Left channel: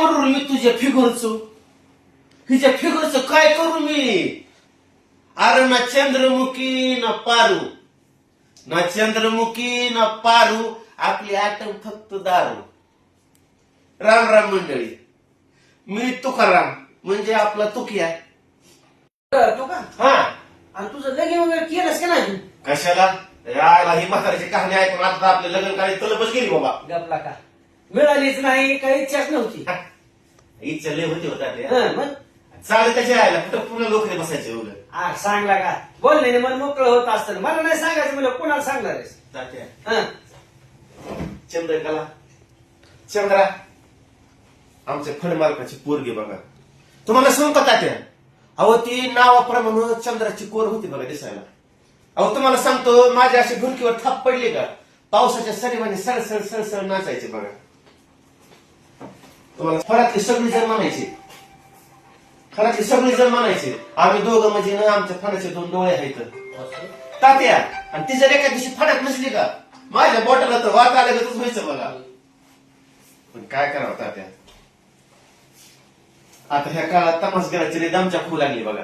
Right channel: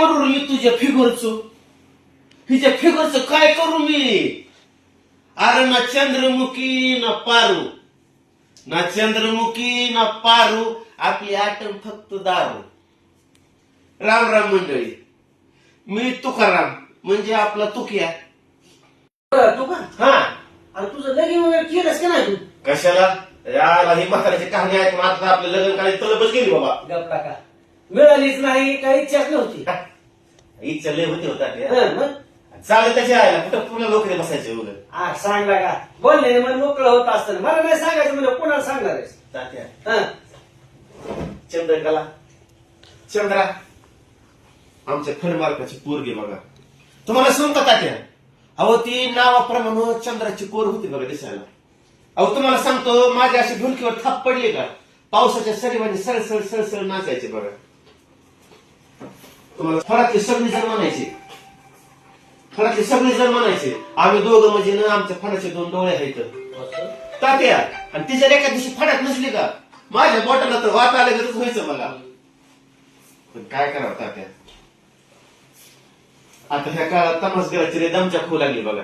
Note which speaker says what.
Speaker 1: करू मी तुझ्या फिगरचं? हिच्या फिगरचं काय करू मी? अरे ना चंद्रमुखी ना पारू. ना चंद्रमुखी ना पारू. आपली आटम फक्त दारू. राम राम मंडळी. मी तुकाराम म्हणजे आपला तुकी आहे
Speaker 2: तू का
Speaker 1: हा.
Speaker 2: आणि तुझं लगीन वगैरे केलंस का नाही तू?
Speaker 1: कशाला? याला ही म्हाताऱ्याची कहाणी आहे पण आता आपल्या लग्न काही तलबच गेली बाबा.
Speaker 2: गपला का मिळालीच नाही काही इच्छाच नव्हती.
Speaker 1: इच्छा लय होती होता ते.
Speaker 2: हं, मग?
Speaker 1: चालत त्याची आहे ना कुठं पूर्ण लोक बसायचे उलट
Speaker 2: आ, सांगला का? बोलले मन मोकळं होत असतं मला नाही सांगायचं म्हणजे कोणाला सांगणार आहेस?
Speaker 1: तात्या
Speaker 2: हं,
Speaker 1: चंद्रकला चंद्रा आमच्या फणमालकाची पोरगी बघा. तुम्हाला सांगू का तात्या अहो ती नावाप्रमाणे चंद्राची कोर होती बघा दिसायला. अहो तुम्हाला सांगतो माझ्या अशी ढुलकीवर थाप पडली का? पावसाच्या सरीवाने सळसळ सळसळ नाचायचे बघा. तुम्हाला फळातले सगळी जण म्हणायचे. फळातले सगळी जण म्हणायचे. आम्ही दोघं म्हणजे ना आमच्या फळाचे दोन डोळे आहेत. तात्या आणि ती जर एका दिवशी फडात नसली का? माझ्या बोटाला तर वाट आल्यागतच व्हायचं बघा. पण काय करावं तात्या? आता ह्या काळात तमास गेला तरी दमच्या खू लागली बघा.